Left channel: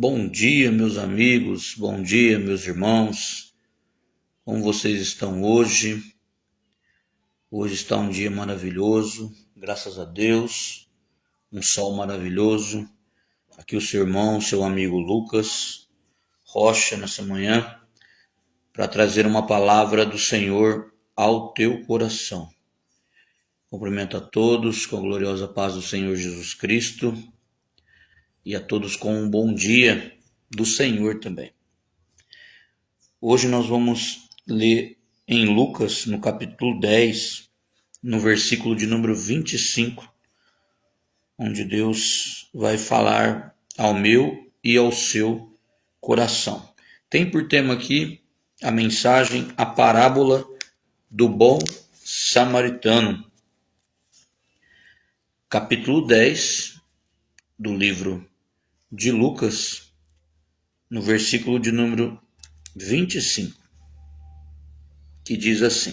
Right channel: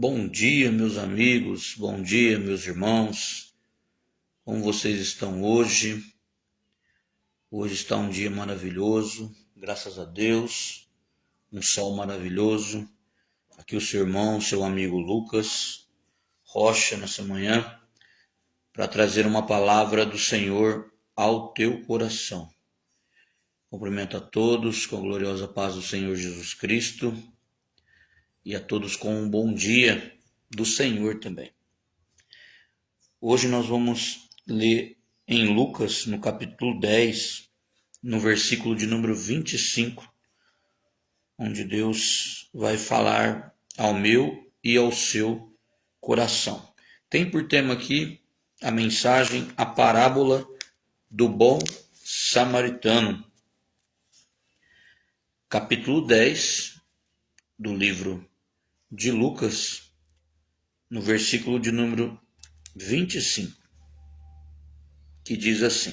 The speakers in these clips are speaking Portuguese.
Bom dia, meus amigos, bom dia, meus irmãos. Como vocês estão hoje? Hoje está um dia maravilhoso, graças a Deus, um sol maravilhoso. Aqui o seu irmão, seu amigo Lucas Rocha, nessa manhã, para trazer uma palavra do Senhor ao teu coração. Cumprimento a todos com a gloriosa paz do Senhor Jesus Cristo e a todos com um bom dia do Senhor também. Hoje nós vamos ler em Lucas, no capítulo 10, no versículo de número 25, onde Deus vai falar ao meu e ao seu coração. Tem por tema aqui a mensagem, a parábola do bom samaritano. Capítulo 10 do livro de Lucas, no versículo de número 25, que diz assim:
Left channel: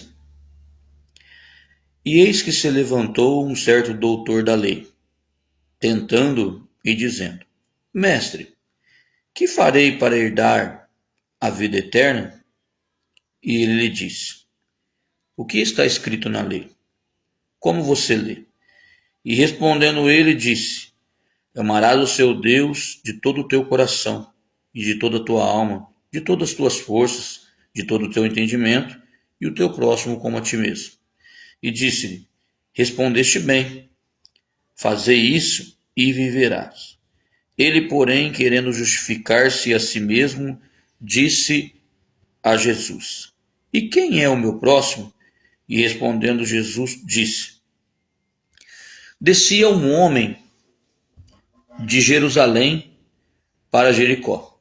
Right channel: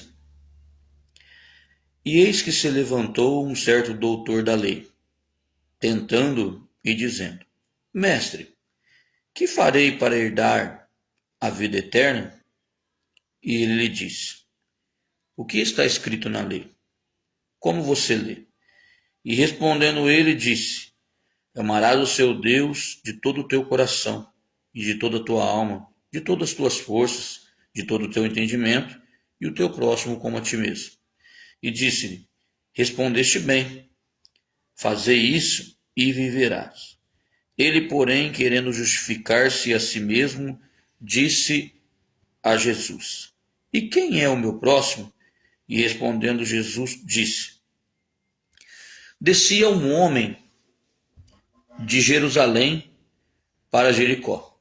E eis que se levantou um certo doutor da lei, tentando e dizendo: Mestre, que farei para herdar a vida eterna? E ele lhe disse: O que está escrito na lei? Como você lê? E respondendo ele, disse: Amarás o seu Deus de todo o teu coração, e de toda a tua alma, de todas as tuas forças, de todo o teu entendimento, e o teu próximo como a ti mesmo. E disse-lhe: Respondeste bem, fazei isso e viverás. Ele, porém, querendo justificar-se a si mesmo, disse a Jesus: E quem é o meu próximo? E respondendo Jesus, disse: Descia um homem de Jerusalém para Jericó,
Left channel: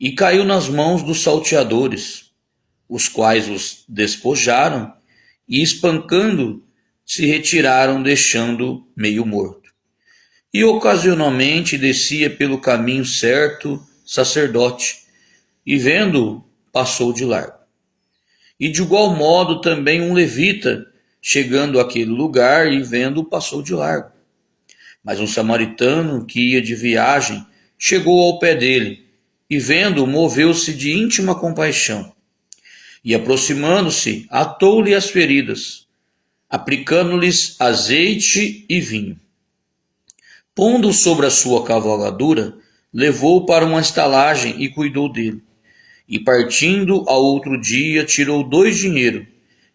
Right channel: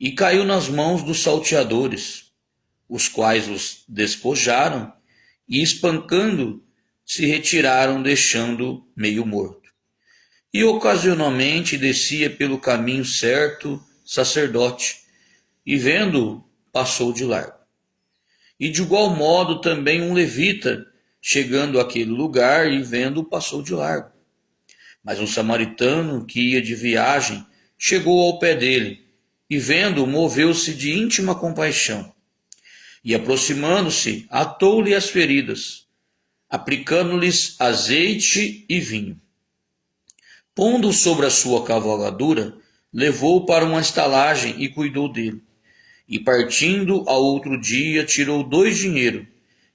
e caiu nas mãos dos salteadores, os quais os despojaram e, espancando, se retiraram, deixando meio morto. E ocasionalmente descia pelo caminho certo sacerdote, e vendo-o, passou de largo. E de igual modo também um levita, chegando àquele lugar e vendo-o, passou de largo. Mas um samaritano que ia de viagem chegou ao pé dele, e vendo-o, moveu-se de íntima compaixão. E aproximando-se, atou-lhe as feridas, aplicando-lhes azeite e vinho. Pondo sobre a sua cavalgadura, levou-o para uma estalagem e cuidou dele. E partindo ao outro dia, tirou 2 dinheiros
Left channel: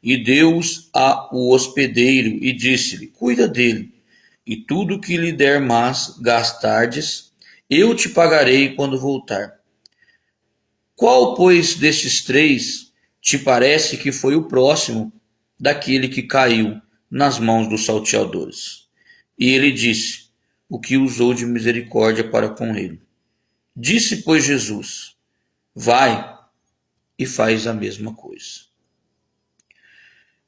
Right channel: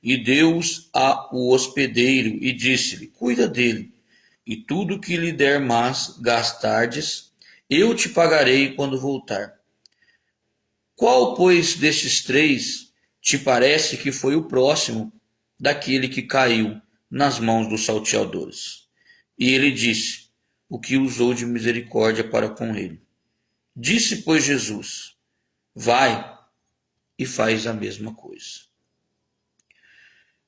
e deu-os ao hospedeiro e disse-lhe: Cuida dele, e tudo que lhe der mais gastardes, eu te pagarei quando voltar. Qual, pois, desses 3 te parece que foi o próximo daquele que caiu nas mãos dos salteadores? E ele disse: O que usou de misericórdia para com ele. Disse, pois, Jesus: Vai e faz a mesma coisa.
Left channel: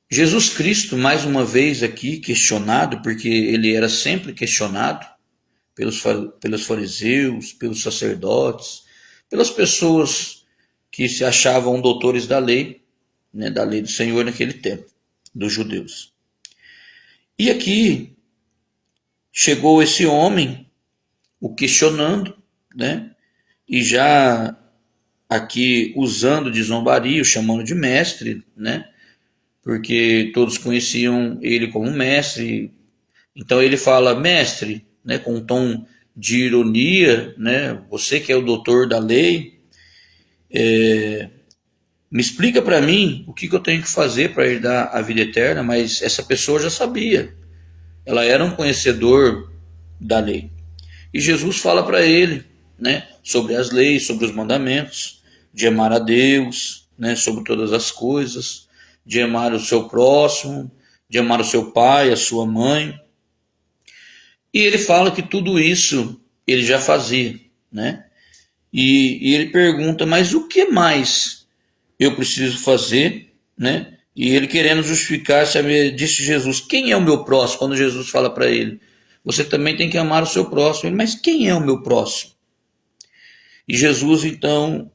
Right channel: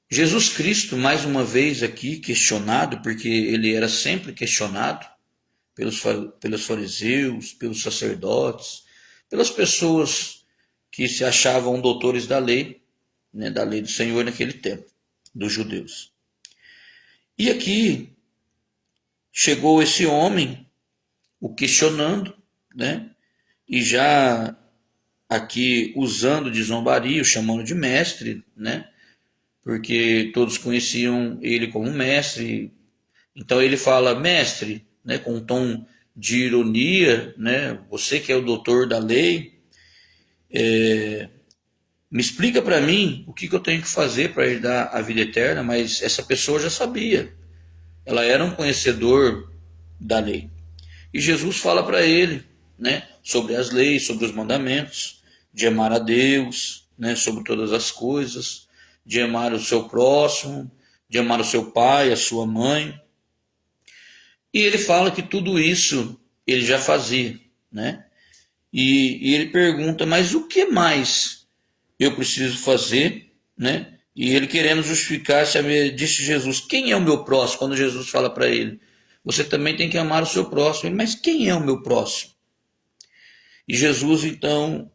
Jesus Cristo, mais uma vez aqui questionado, porque ele era sempre questionado pelos fariseus, pelos sacerdotes, pelas pessoas que se achavam doutores da lei, né, da lei do Senhor naquele tempo, dos judeus. E aqui chegou esse homem, o questionando, né, e já aqui usando de zombaria, chamando de mestre, né, porque todos conheciam ele como mestre. Então ele fala: mestre, né, com um tom de ironia, né, você que é o doutor da lei, me explica para mim o que eu tenho que fazer para herdar a vida eterna. Mas essa pessoa já sabia, ela era um conhecedor da lei. E Jesus fala para ele, né, sobre as leis, sobre os mandamentos, de amar a Deus, né, sobre todas as coisas, de amar o seu próximo, de amar o seu pai, a sua mãe. E ele fala que tudo isso ele já fazia, né? E ele pergunta: mas o que mais eu preciso fazer, né? E ele, querendo justificar, sabe, disse Jesus: quem é o meu próximo? Quando Jesus fala para ele: você também tem que amar o seu próximo. Ele: mas quem é o meu próximo? E Jesus, então,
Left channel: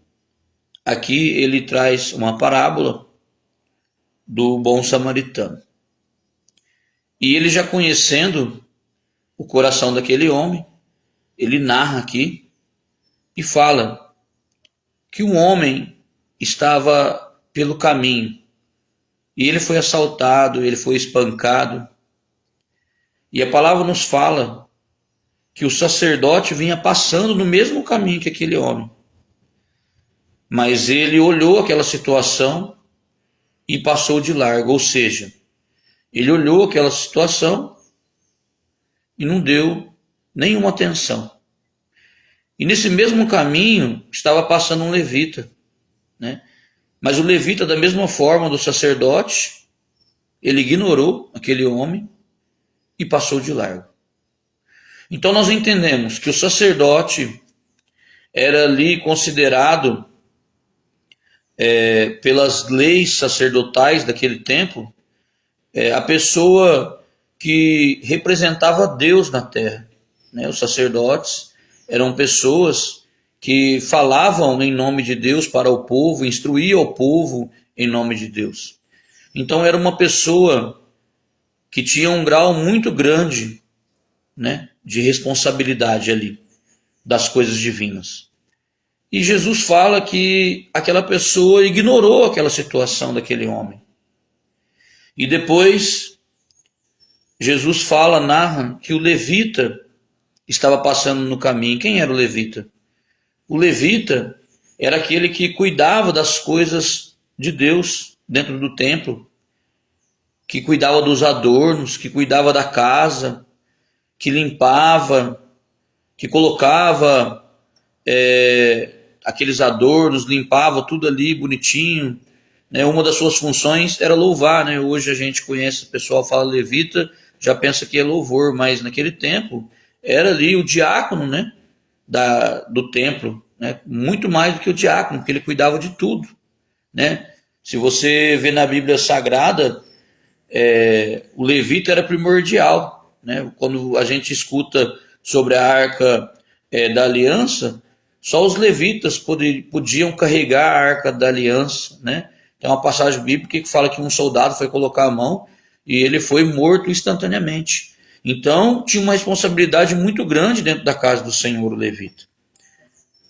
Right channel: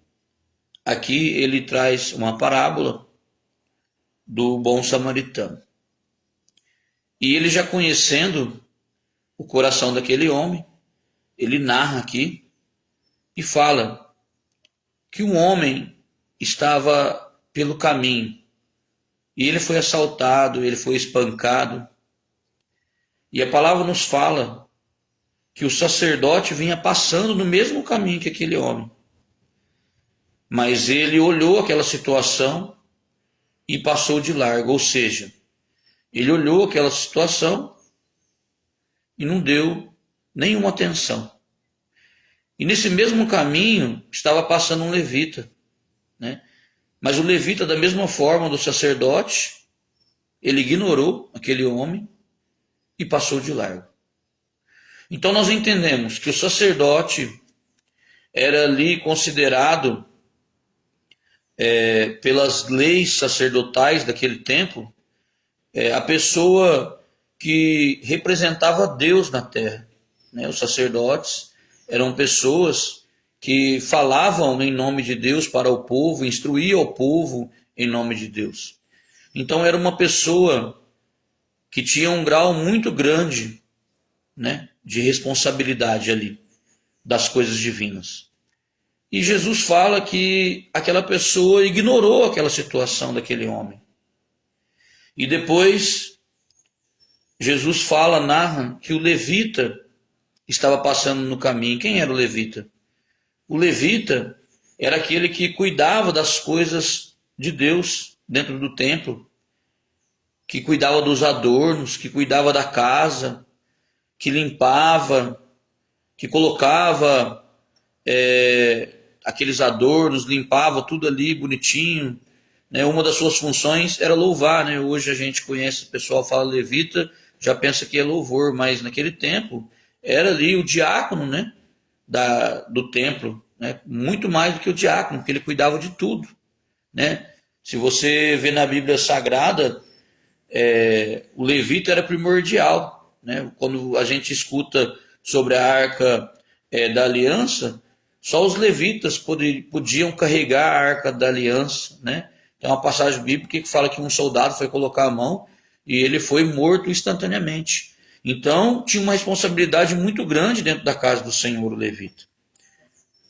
aqui ele traz uma parábola do bom samaritano. E ele, já conhecendo o coração daquele homem, ele narra aqui e fala que um homem estava pelo caminho e ele foi assaltado, ele foi espancado. E a palavra nos fala que o sacerdote vinha passando no mesmo caminho que aquele homem. Mas ele olhou aquela situação e passou de largo, ou seja, ele olhou aquela situação e não deu nenhuma atenção. E nesse mesmo caminho estava passando um levita, né? Mas o levita, da mesma forma do sacerdote, ele ignorou aquele homem e passou de largo. Então nós entendemos que o sacerdote era ali considerado, pelas leis sacerdotais daquele tempo, a pessoa que representava Deus na terra, né? Os sacerdotes eram pessoas que falavam em nome de Deus para o povo, instruíam o povo em nome de Deus. Então era uma pessoa que tinha um grau muito grande, né, de responsabilidade ali das coisas divinas. E Jesus fala que aquela pessoa ignorou aquela situação daquele homem. E depois Jesus narra que o levita estava passando no caminho. Quem era o levita? O levita era aquele que cuidava das coisas de Deus dentro do templo, que cuidava dos adornos, que cuidava da casa, que limpava, que colocava aqueles adornos, limpava tudo ali bonitinho, né? Uma das suas funções era louvar, né? Hoje a gente conhece, o pessoal fala levita, já pensa que é louvor, mas naquele tempo era ali o diácono, né? Do templo, né? Muito mais do que o diácono, porque ele cuidava de tudo, né? Se você vê na Bíblia Sagrada, o levita era primordial, né? Quando a gente escuta sobre a arca da aliança, só os levitas podiam carregar a arca da aliança, né? Tem uma passagem bíblica que fala que um soldado foi colocar a mão e ele foi morto instantaneamente. Então tinha uma responsabilidade muito grande dentro da casa do Senhor, o levita.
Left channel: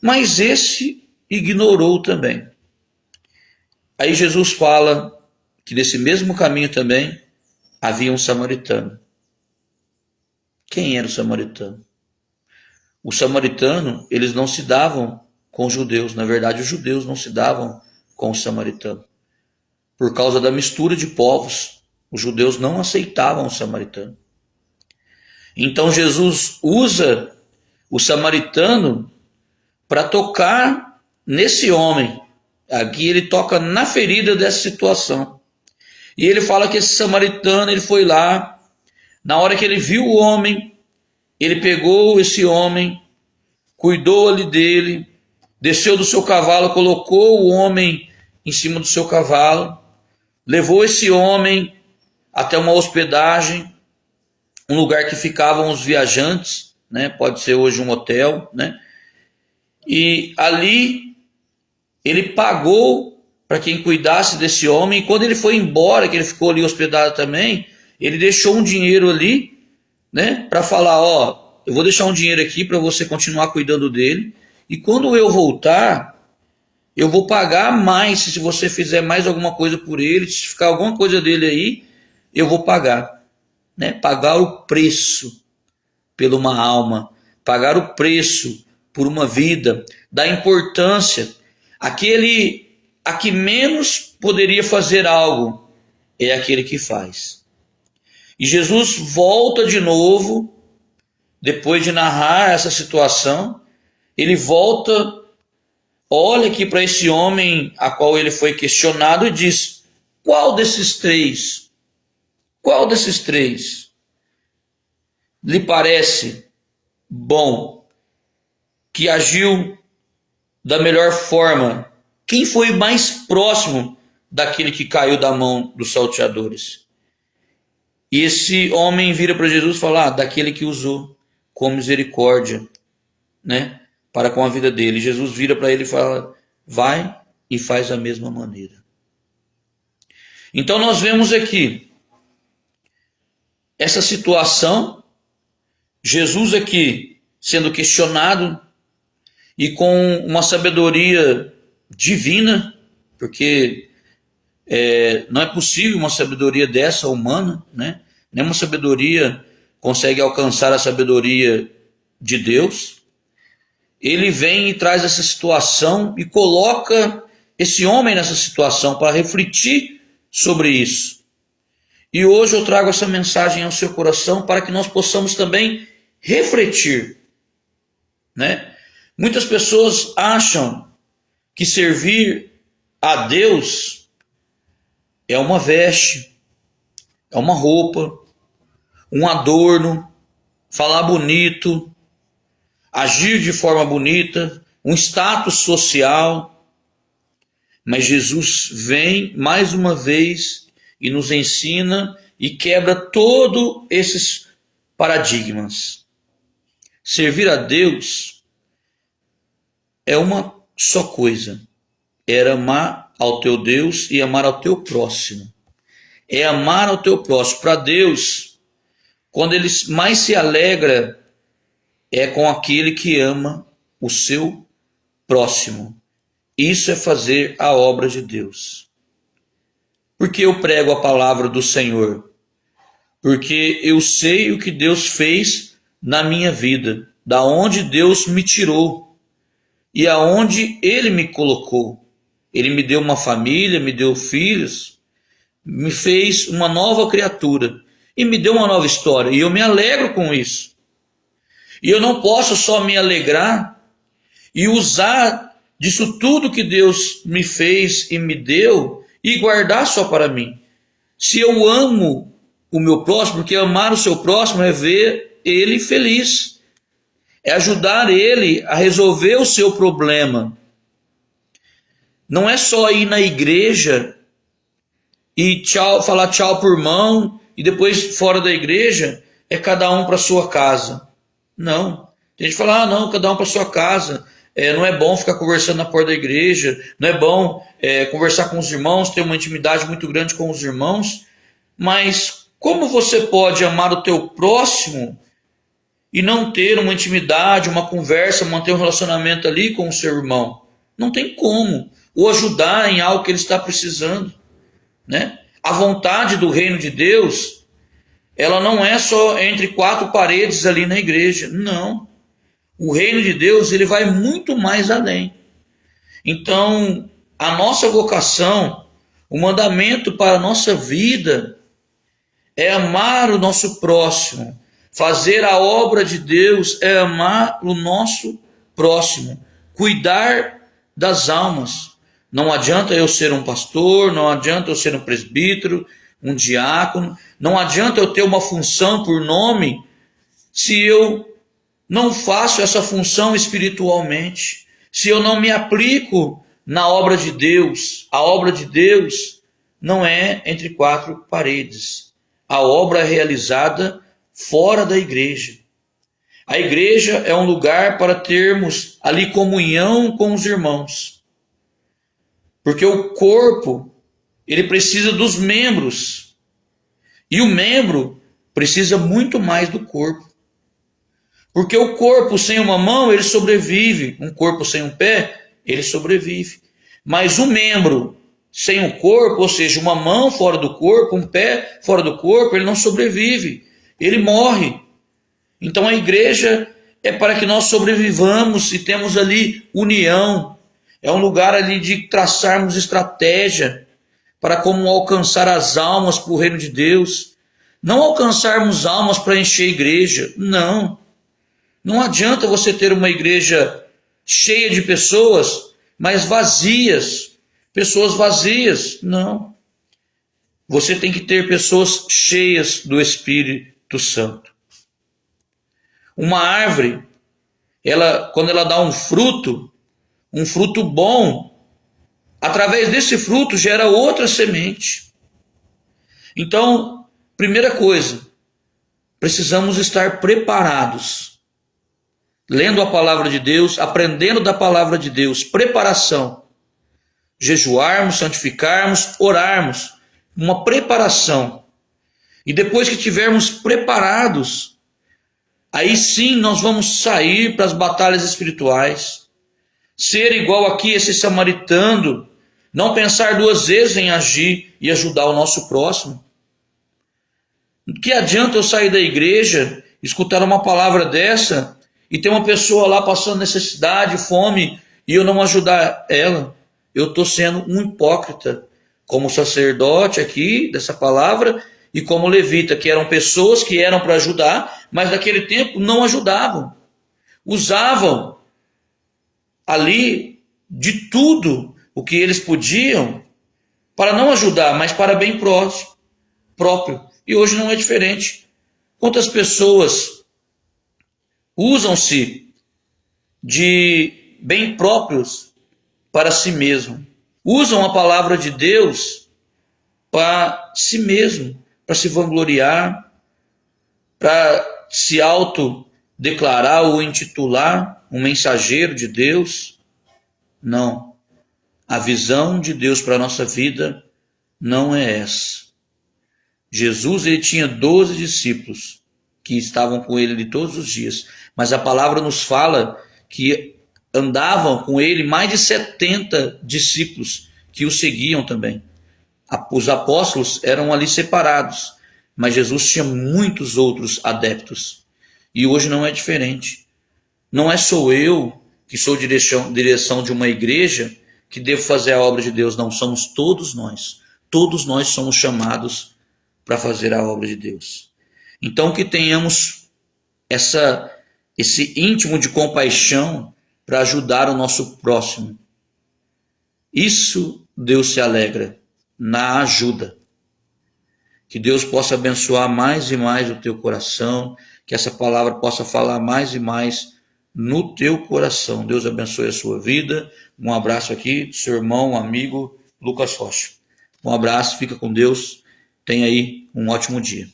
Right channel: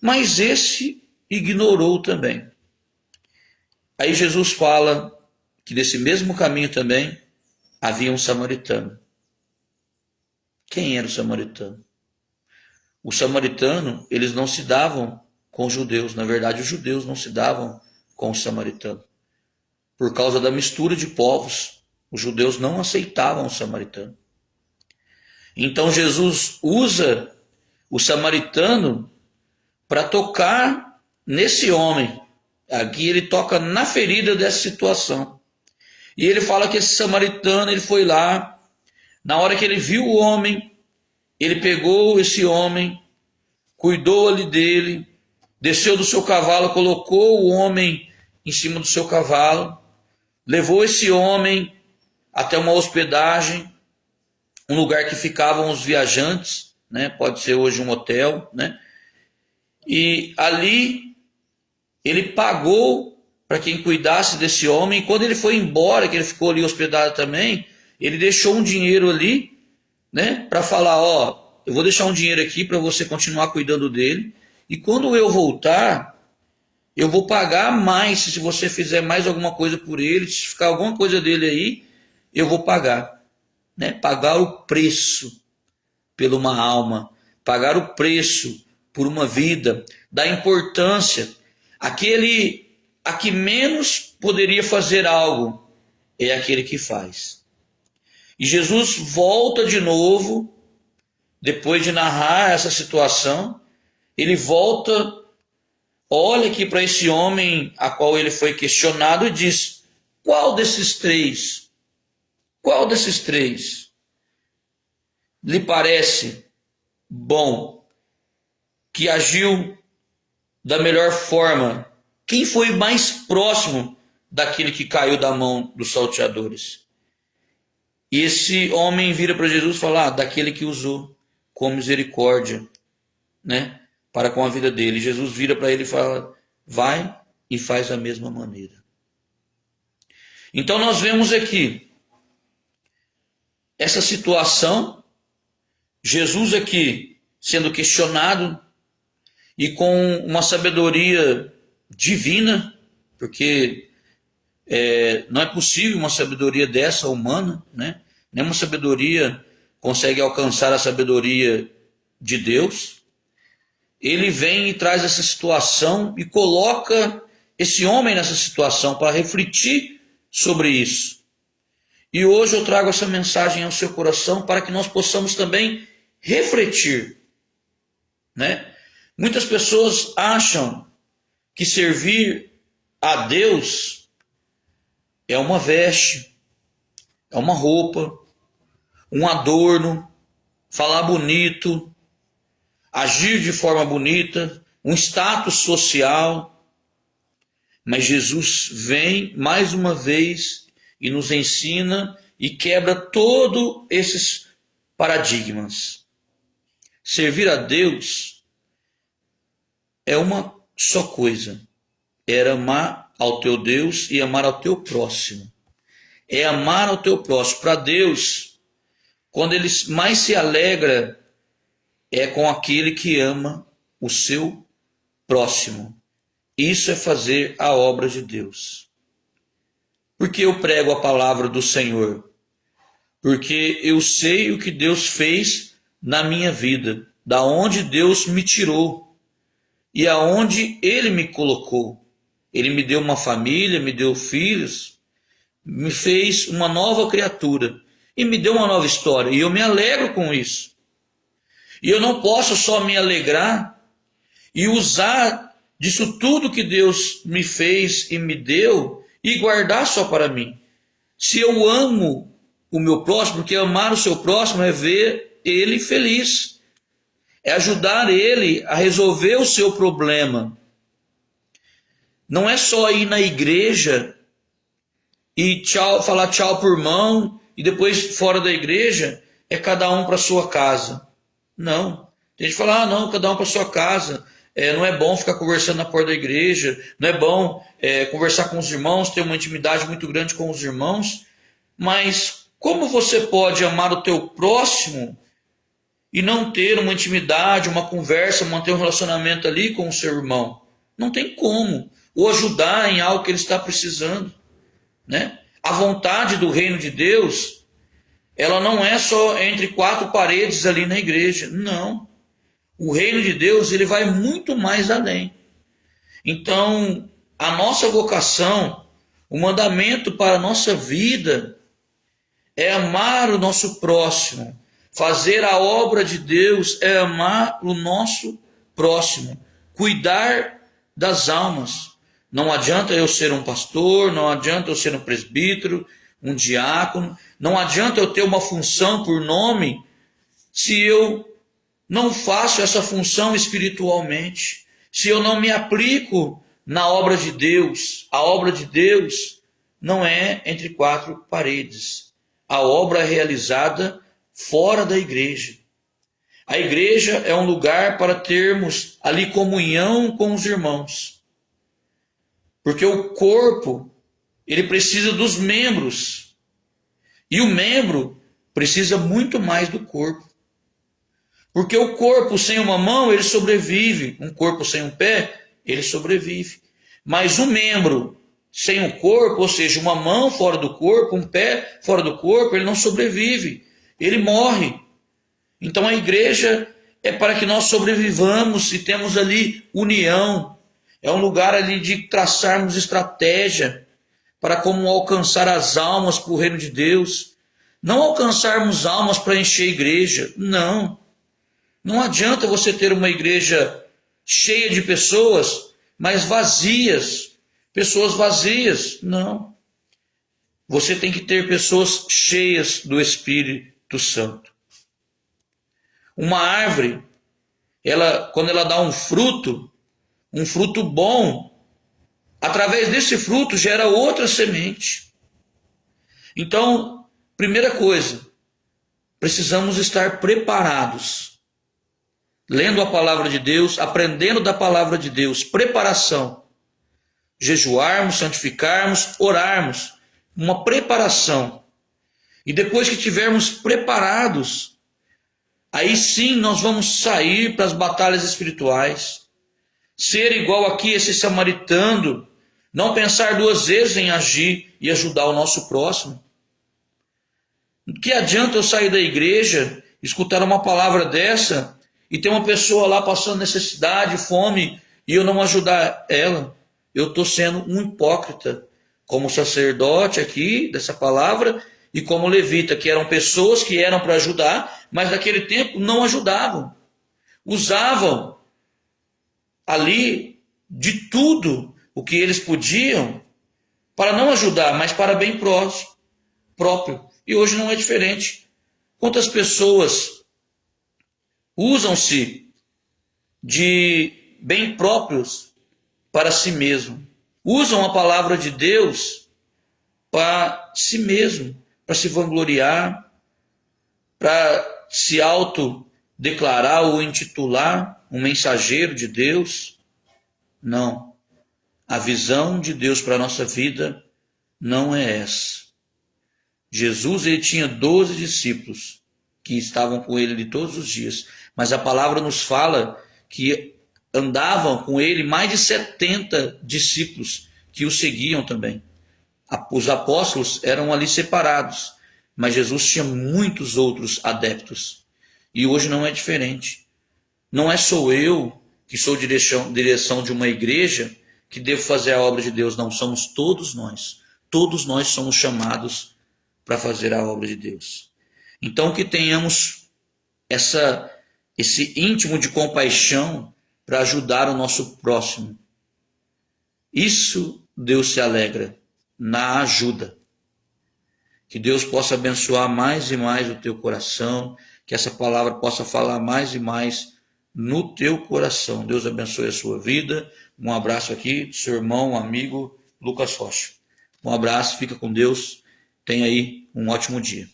Mas esse ignorou também. Aí Jesus fala que nesse mesmo caminho também havia um samaritano. Quem era o samaritano? O samaritano, eles não se davam com os judeus. Na verdade, os judeus não se davam com o samaritano. Por causa da mistura de povos, os judeus não aceitavam o samaritano. Então Jesus usa o samaritano para tocar nesse homem. Aqui ele toca na ferida dessa situação. E ele fala que esse samaritano, ele foi lá, na hora que ele viu o homem, ele pegou esse homem, cuidou ali dele, desceu do seu cavalo, colocou o homem em cima do seu cavalo, levou esse homem até uma hospedagem, um lugar que ficavam os viajantes, né? Pode ser hoje um hotel, né? E ali ele pagou para quem cuidasse desse homem, e quando ele foi embora, que ele ficou ali hospedado também, ele deixou um dinheiro ali, né, para falar, ó, eu vou deixar um dinheiro aqui para você continuar cuidando dele, e quando eu voltar, eu vou pagar mais, se você fizer mais alguma coisa por ele, se ficar alguma coisa dele aí, eu vou pagar, né, pagar o preço por uma alma, pagar o preço por uma vida, dar importância. Aquele a que menos poderia fazer algo é aquele que faz. E Jesus volta de novo, depois de narrar essa situação, ele volta, olha aqui para esse homem a qual ele foi questionado e diz: qual desses três lhe parece bom, que agiu da melhor forma? Quem foi mais próximo daquele que caiu da mão dos salteadores? E esse homem vira para Jesus e fala: daquele que usou com misericórdia, né, para com a vida dele. E Jesus vira para ele e fala: vai e faz da mesma maneira. Então nós vemos aqui essa situação, Jesus aqui sendo questionado, e com uma sabedoria divina, porque não é possível uma sabedoria dessa humana, né? Nenhuma sabedoria consegue alcançar a sabedoria de Deus. Ele vem e traz essa situação e coloca esse homem nessa situação para refletir sobre isso. E hoje eu trago essa mensagem ao seu coração para que nós possamos também refletir, né? Muitas pessoas acham que servir a Deus é uma veste, é uma roupa, um adorno, falar bonito, agir de forma bonita, um status social. Mas Jesus vem mais uma vez e nos ensina e quebra todos esses paradigmas. Servir a Deus é uma só coisa: é amar ao teu Deus e amar ao teu próximo. É amar ao teu próximo. Para Deus, quando ele mais se alegra, é com aquele que ama o seu próximo. Isso é fazer a obra de Deus. Por que eu prego a palavra do Senhor? Porque eu sei o que Deus fez na minha vida, da onde Deus me tirou e aonde Ele me colocou. Ele me deu uma família, me deu filhos, me fez uma nova criatura e me deu uma nova história. E eu me alegro com isso. E eu não posso só me alegrar e usar disso tudo que Deus me fez e me deu e guardar só para mim. Se eu amo o meu próximo, porque amar o seu próximo é ver ele feliz, é ajudar ele a resolver o seu problema. Não é só ir na igreja e falar tchau por mão e depois fora da igreja é cada um para sua casa. Não. Tem gente que fala, não, cada um para sua casa. Não é bom ficar conversando na porta da igreja, não é bom conversar com os irmãos, ter uma intimidade muito grande com os irmãos. Mas como você pode amar o teu próximo e não ter uma intimidade, uma conversa, manter um relacionamento ali com o seu irmão? Não tem como. Ou ajudar em algo que ele está precisando, né? A vontade do reino de Deus, ela não é só entre quatro paredes ali na igreja. Não. O reino de Deus, ele vai muito mais além. Então, a nossa vocação, o mandamento para a nossa vida é amar o nosso próximo. Fazer a obra de Deus é amar o nosso próximo. Cuidar das almas. Não adianta eu ser um pastor, não adianta eu ser um presbítero, um diácono, não adianta eu ter uma função por nome se eu não faço essa função espiritualmente, se eu não me aplico na obra de Deus. A obra de Deus não é entre quatro paredes. A obra é realizada fora da igreja. A igreja é um lugar para termos ali comunhão com os irmãos. Porque o corpo, ele precisa dos membros. E o membro precisa muito mais do corpo. Porque o corpo sem uma mão, ele sobrevive. Um corpo sem um pé, ele sobrevive. Mas o membro sem o corpo, ou seja, uma mão fora do corpo, um pé fora do corpo, ele não sobrevive. Ele morre. Então a igreja é para que nós sobrevivamos e temos ali união. É um lugar ali de traçarmos estratégia para como alcançar as almas para o reino de Deus. Não alcançarmos almas para encher a igreja. Não. Não adianta você ter uma igreja cheia de pessoas, mas vazias. Pessoas vazias. Não. Você tem que ter pessoas cheias do Espírito Santo. Uma árvore, quando ela dá um fruto bom, através desse fruto gera outra semente. Então, primeira coisa, precisamos estar preparados. Lendo a palavra de Deus, aprendendo da palavra de Deus, preparação. Jejuarmos, santificarmos, orarmos, uma preparação. E depois que estivermos preparados, aí sim nós vamos sair para as batalhas espirituais. ser igual aqui esse samaritano, não pensar duas vezes em agir e ajudar o nosso próximo. Que adianta eu sair da igreja, escutar uma palavra dessa e ter uma pessoa lá passando necessidade, fome, e eu não ajudar ela? Eu estou sendo um hipócrita, como sacerdote aqui dessa palavra e como levita, que eram pessoas que eram para ajudar, mas naquele tempo não ajudavam. Usavam ali de tudo o que eles podiam para não ajudar, mas para bem próprio. E hoje não é diferente. Quantas pessoas usam-se de bem próprios para si mesmo? Usam a palavra de Deus para si mesmo, para se vangloriar, para se autodeclarar ou intitular um mensageiro de Deus. Não. A visão de Deus para a nossa vida não é essa. Jesus, ele tinha 12 discípulos que estavam com ele de todos os dias, mas a palavra nos fala que andavam com ele mais de 70 discípulos que o seguiam também. Os apóstolos eram ali separados, mas Jesus tinha muitos outros adeptos. E hoje não é diferente. Não é só eu que sou direção de uma igreja que devo fazer a obra de Deus. Não, somos todos nós. Todos nós somos chamados para fazer a obra de Deus. Então que tenhamos esse íntimo de compaixão para ajudar o nosso próximo. Isso Deus se alegra, na ajuda. Que Deus possa abençoar mais e mais o teu coração, que essa palavra possa falar mais e mais no teu coração. Deus abençoe a sua vida. Um abraço aqui, seu irmão, amigo Lucas Rocha. Um abraço, fica com Deus. Tenha aí um ótimo dia.